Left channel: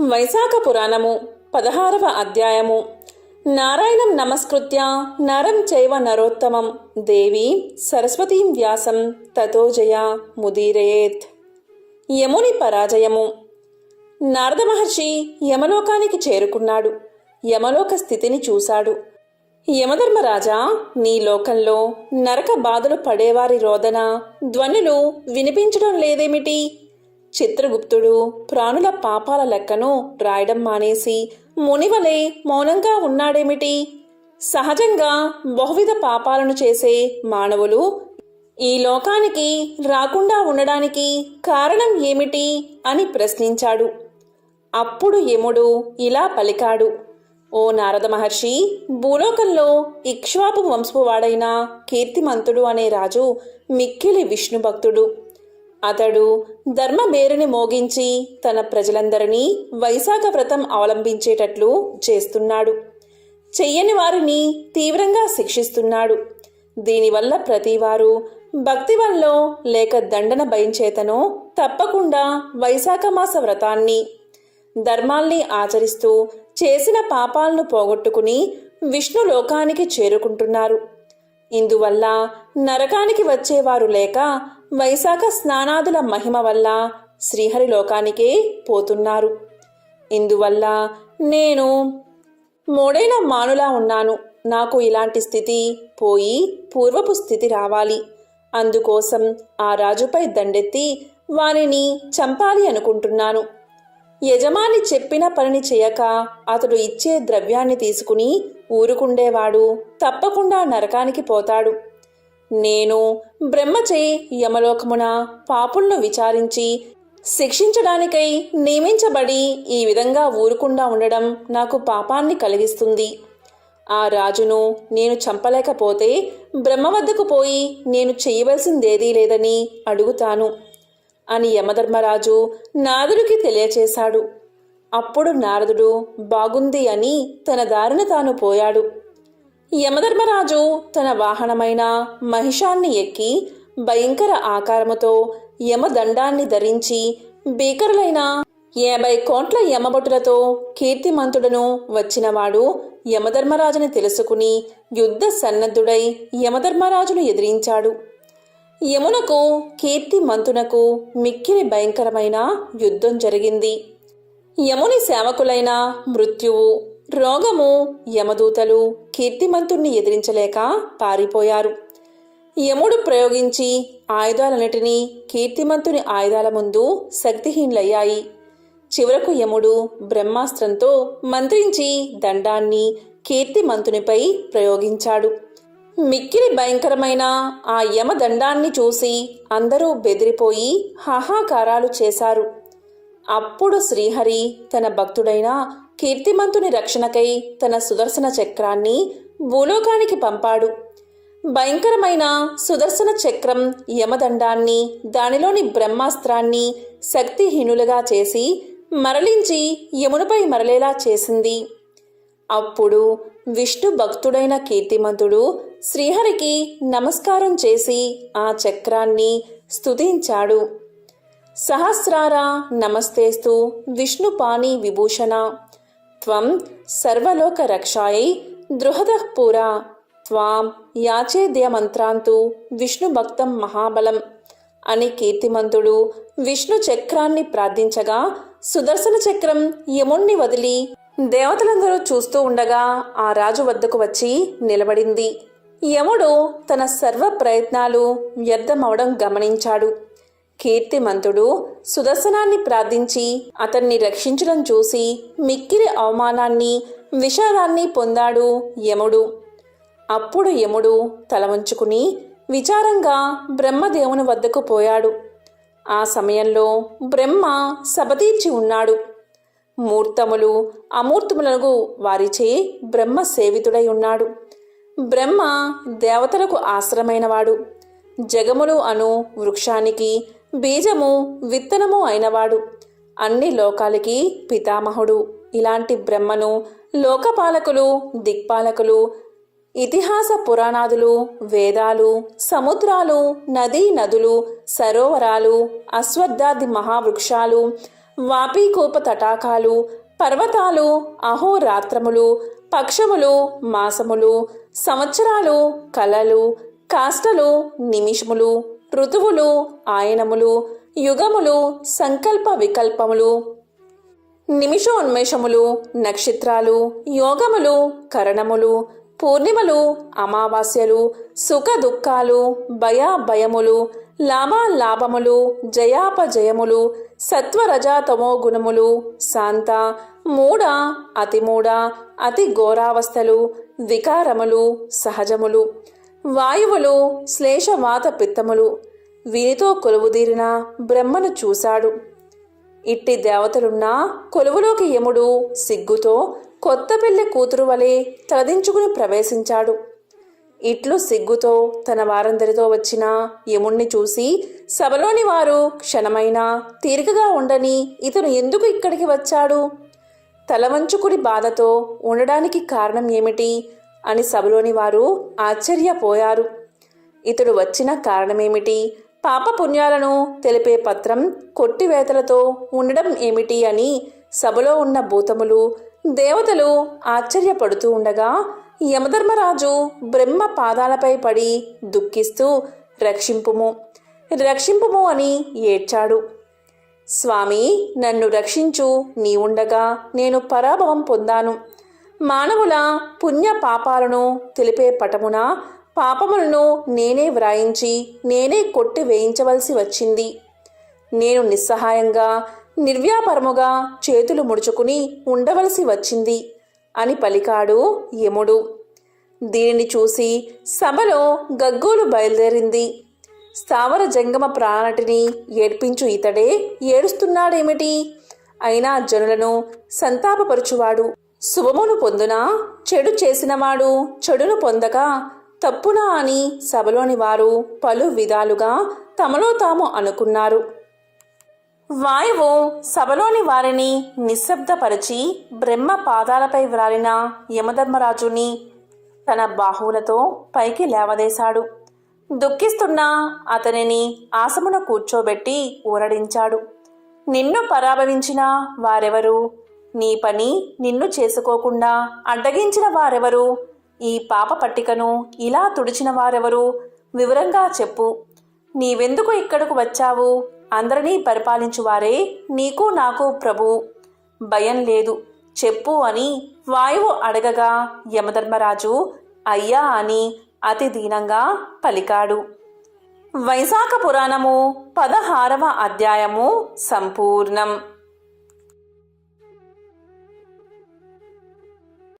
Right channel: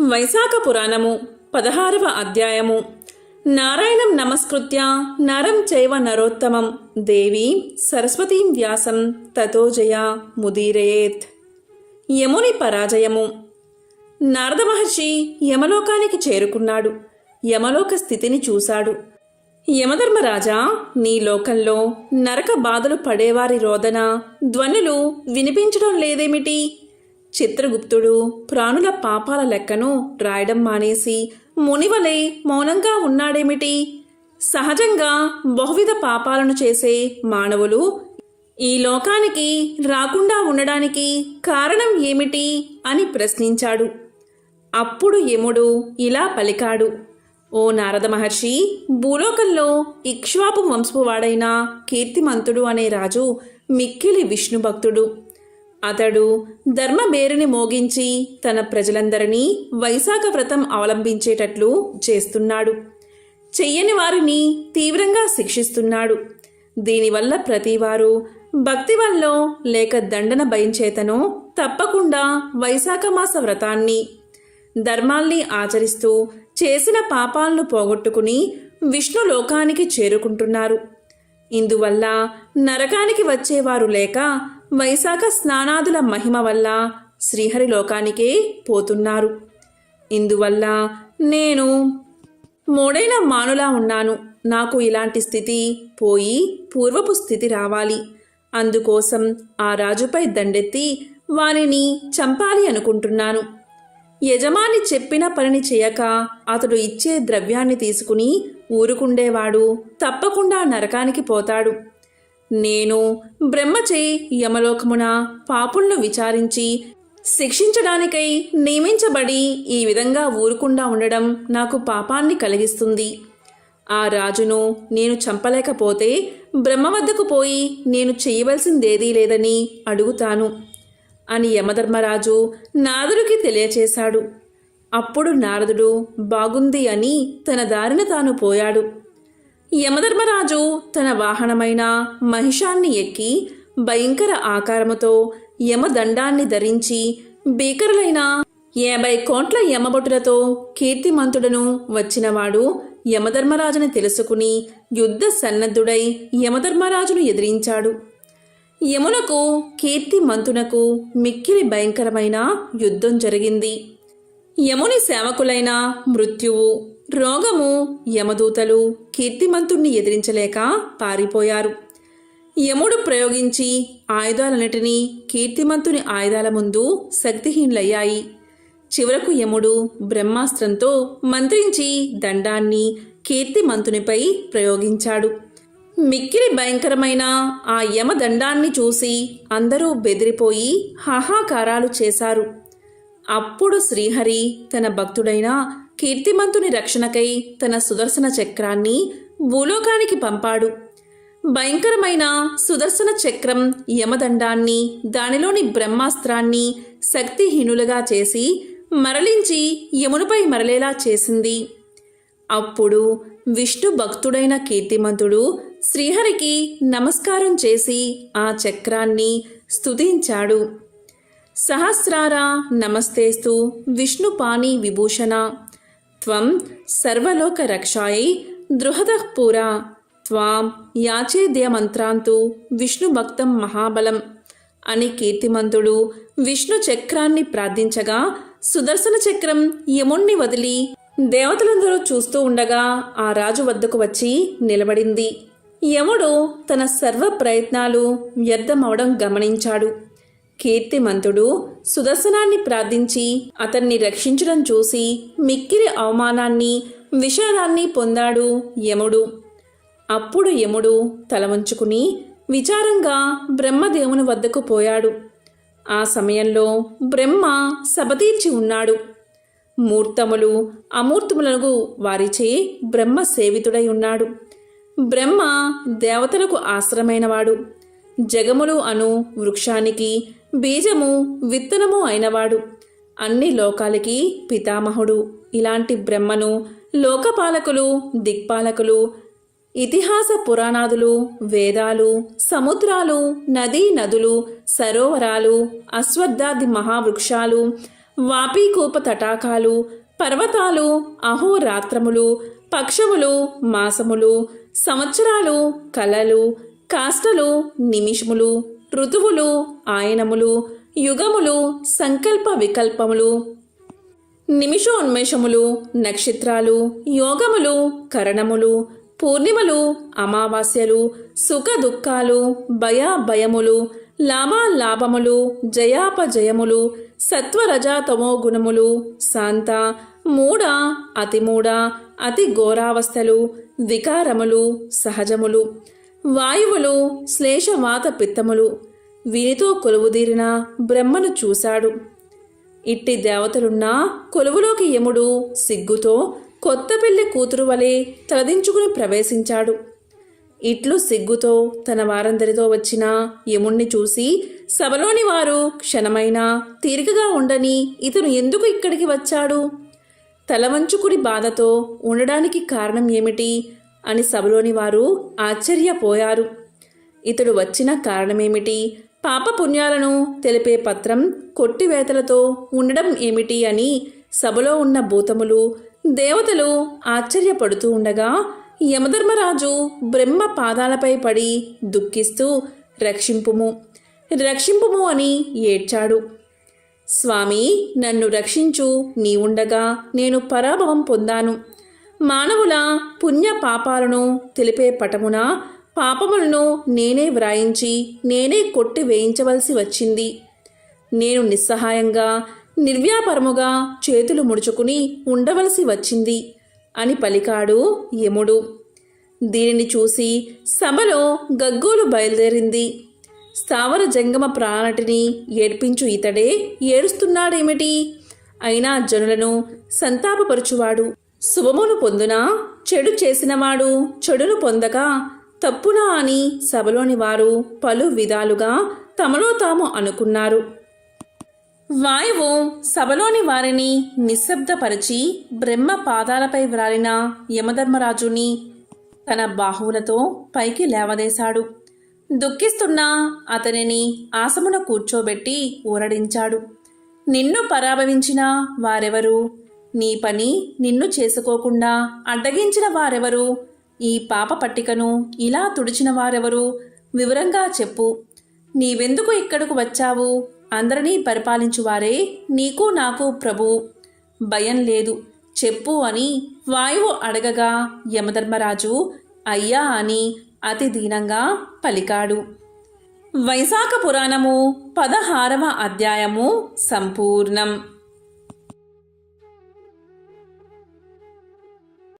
వైశాఖ పురాణము పదహారవ అధ్యాయము. నారాయణం నమస్కృత్య నరం చైవ నరోత్తమం. దేవి సరస్వతీం వ్యాసం తతోజయ ముదీరేత్ యముని పరాజయము. నారద మహర్షి యమలోకానికి చేరుకున్నాడు. యమలోక స్థితిని చూశాడు. యమధర్మరాజా నీ లోకంలో నరక బాధలు పడేవారి రోదన ధ్వనులు వినిపించడం లేదేమిటి? చిత్రగుప్తుడు ప్రాణుల పాపాల లెక్కను రాయడం మానేసి మునివలే మౌనంగా ఉన్నాడేమిటి? సహజంగా బహువిధ పాపాలను చేసే మానవులు ఈ లోకానికి రాకుండా ఉండడానికి కారణం ఏమిటి అని ప్రశ్నించాడు. అప్పుడు యముడు ఇలా పలికాడు ఓ నారద మహర్షి భూలోకంలో ఇక్ష్వాపు వంశపువాడైన కీర్తిమంతుడు అనే రాజు మిక్కిలి విష్ణు భక్తుడు అతడు ధర్మబేరుని మోగించి తన ప్రజలందరినీ వైశాఖ వ్రతం అవలంబించేటట్లు చేస్తున్నాడు. చెయ్యని వారిని తీవ్రంగా శిక్షిస్తున్నాడు. దీనివల్ల ప్రతివారు భక్తివల్లో లేక దండన భయంచేతనో తప్పకుండా వైశాఖ మాస వ్రతాన్ని ధర్మాల్ని ఆచరిస్తూ చేసిన పాపాలను పోగొట్టుకుని విష్ణు లోకానికి చేరుకుంటున్నారు. ఇందువల్ల నరకానికి వచ్చేవారు లేక వైశాఖ స్నానాదుల మహిమ వల్ల శ్రీహరి లోకానికే పోతున్నారు. ఇందువల్ల నేను మూడైన మానులా ఉన్నాను. నాకు ఇలాంటి స్థితి పోయి పూర్వపు స్థితి రావాలి. అందుకోసం ఆ రాజుపై దండెత్తి వారిని చంపాలి అనుకుంటున్నాను. యజమాని చెప్పిన పనిని చేయక అతడు ఇచ్చే ద్రవ్యాన్ని తీసుకుని ఊరుకుండేవాడు తప్పకుండా నరకానికి పోతాడు. నేను బ్రహ్మచే యమలోకమున పాపులను విచారించి శిక్షించడానికై నియమించబడి ఈ విధంగా ఊరుకుండా ఉండడం నాకు పాపాన్ని కలిగిస్తుంది. ఆ రాజును నేను చంపలేకపోతే బ్రహ్మ వద్దకు పోయి నేను చేయవలసిందేదీ లేదని అడుగుతాను అని యమధర్మరాజు నారదుడికి తెలియచేశాడు. అప్పుడు నారదుడు బాగుంది అని తన దారిన తాను పోయాడు. యమధర్మరాజు తన వాహనమైన మహిషాన్ని ఎక్కి భయంకర ఆకారముతో యమదండాన్ని ధరించి భీకరులైన యాభై కోట్ల యమభటులతో కీర్తిమంతుడను వచ్చినవాడు యమధర్మరాజుని తెలుసుకుని యుద్ధ సన్నద్ధుడై యమధర్మరాజును ఎదిరించాడు. యమునకు కీర్తిమంతునకు మిక్కిలి భయంకరమైన యుద్ధం జరిగింది. యముని సేవకులైన మృత్యువు రోగము యమదూతలు కీర్తిమంతుణ్ణి ఎదిరించలేక పారిపోయారు. యముడు ప్రయోగించి ఆయుధాలన్నిటినీ కీర్తిమంతుని ఆయుధాల ముందు శక్తిహీనులయ్యాయి. చివరకు యముడు బ్రహ్మాస్త్రంతో మంత్రించి దండాన్ని కీర్తిమంతునిపై ప్రయోగించాడు. మిక్కిలి భయంకరమైన ఆ యమదండాన్ని చూసి అందరూ బెదిరిపోయి హాహాకారాలు చేశారు. అప్పుడు శ్రీహరి తన భక్తుడైన కీర్తిమంతుని రక్షణకై తన సుదర్శన చక్రాన్ని భూలోకానికి పంపాడు. భయంకరమైన సుదర్శన చక్రం యమదండాన్ని దానిలోని బ్రహ్మాస్త్రాన్ని శక్తిహీనులుగా చేసి మరలించి యమునిపై మరలేలా చేసింది. అప్పుడు విష్ణు భక్తుడైన కీర్తిమంతుడు శ్రీహరికి నమస్కారం చేసి ఆ చక్రాన్ని స్తుతించాడు. సహస్రార నమస్తేస్తు విష్ణుపాణి విభూషణ త్వం సర్వలోక రక్షాయై దృహదః పురా. త్వాం యాచేద్యమంత్రాంతు విష్ణుభక్తం మహాబలం. అని కీర్తిమంతుడు విష్ణు చక్రాన్ని ప్రార్థించగా సుదర్శన చక్రం యముణ్ణి వదిలి దేవతలందరూ చూస్తూ ఉండగా ఆ రాజు వద్దకు వచ్చి నిలబడింది. యముడు తన సర్వ ప్రయత్నాలు వ్యర్థమవడం గమనించాడు. కీర్తిమంతుడు సుదర్శనాన్ని ప్రార్థించి అతన్ని రక్షించడం చూసి మిక్కిరి అవమానాన్ని విషాదాన్ని పొందాడు యముడు. అప్పుడు యముడు తలవంచుకుని విచారంగా బ్రహ్మదేవుని వద్దకు పోయాడు. ఆ సమయంలో బ్రహ్మ సబతీర్చి ఉన్నాడు. మూర్తములు అమూర్తములకు వారిచే బ్రహ్మ సేవితుడై ఉన్నాడు. బ్రహ్మ దేవతలకు ఆశ్రమైనవాడు. జగములు అను వృక్షానికి బీజము విత్తనము అయినవాడు. అన్ని లోకాలకి పితామహుడు. ఇలాంటి బ్రహ్మను లోకపాలకులు దిక్పాలకులు ఇతిహాస పురాణాదులు వేదాలు సముద్రాలు నదీ నదులు సరోవరాలు అశ్వత్థాది మహావృక్షాలు వాపీకూప తటాకాలు పర్వతాలు అహోరాత్రములు పక్షములు మాసములు సంవత్సరాలు కలలు కాష్టలు నిమిషములు ఋతువులు ఆయనములు యుగములు సంకల్ప వికల్పములు. నిమిషోన్మేషములు నక్షత్రాలు యోగములు కరణములు పూర్ణిమలు అమావాస్యలు సుఖ దుఃఖాలు భయాభయములు లాభాలాభములు జయాపజయములు సత్వరజాతమో గుణములు శాంత మూఢ అతిమూఢ అతి ఘోరావస్థలు వికారములు సహజములు. వాయువులు శ్లేషవాత పిత్తములు. వీరితో కొలువుదీరిన బ్రహ్మను చూశాడు. ఇట్టి దేవతలున్నా కొలువులోకి యముడు సిగ్గుతో కొత్త పెళ్ళి కూతురు వలె తలదించుకుని ప్రవేశించాడు. ఇట్లు సిగ్గుతో తన వారందరితో వచ్చిన యముణ్ణి చూసి సభలోని వారు క్షణమైనా తీరికగా ఉండని ఇతను ఎందుకు ఇక్కడికి వచ్చాడు? తలవంచుకుడి బాధతో ఉండడానికి కారణం ఏమిటి? అని సభలోని వారు ఆశ్చర్యపోయారు. ఇతడు వచ్చిన కారణమేమిటి? పాపపుణ్యాలను తెలిపే పత్రం కొట్టివేతలతో ఉండడం ఏమిటి అని సభలో ఉన్న భూతములు దేవతలు ఆశ్చర్యపడుతూ ఉండగా యమధర్మరాజు బ్రహ్మ పాదాలపై పడి దుఃఖిస్తూ రక్షింపుము రక్షింపుము అని ఏడ్చాడు. స్వామి నన్ను రక్షించు నీ ఉండగా నేను పరాభవం పొందాను. మానవుల పుణ్య పాపాలను తెలిపే పటమున పాపములను నేనే వ్రాయించి నేనే కొట్టి వేయించవలసి వచ్చింది. నేను నిస్సహాయంగా నిర్వ్యాపరముగా చేతులు ముడుచుకుని ఉండవలసి వచ్చింది అని పలికాడు యముడు. దీనిని చూసి సభలో గగ్గోలు బయలుదేరింది. స్థావర జంగమ ప్రాణటిని ఏడ్పించు ఇతడే ఏడుస్తున్నాడేమిటి? అయినా జనులను సంతాపపరుచువాడు. శుభమును పొందునా? చెడు చేసినవాడు చెడును పొందక తప్పునా అని సభలోని వారు పలు విధాలుగా తమలో తాము అనుకున్నారు. వాయువు సభలోని వారిని నిశ్శబ్దపరిచి బ్రహ్మ పాదాలపై వ్రాలిన యమధర్మరాజుని తన బాహువులతో పైకి లేవదేశాడు. దుఃఖిస్తున్న అతనిని ఆసమున కూర్చోబెట్టి ఊరడించాడు. నిన్ను పరాభవించిన వారెవరు? నీ పని నిన్ను చేసుకోకుండా అడ్డగించిన వారెవరు? ఈ పాప పట్టికను ఇలా తుడిచిన వారెవరు? వివరంగా చెప్పు. నీవెందుకు ఇక్కడకు వచ్చావు? అందరినీ పరిపాలించువారే నీకు నాకు ప్రభు భయం లేదు. చెప్పు అని వాయువు అడగగా యమధర్మరాజు అయ్యా అని అతి దీనంగా పలికాడు. వైశాఖ పురాణము పదహారవ అధ్యాయము సంపూర్ణం.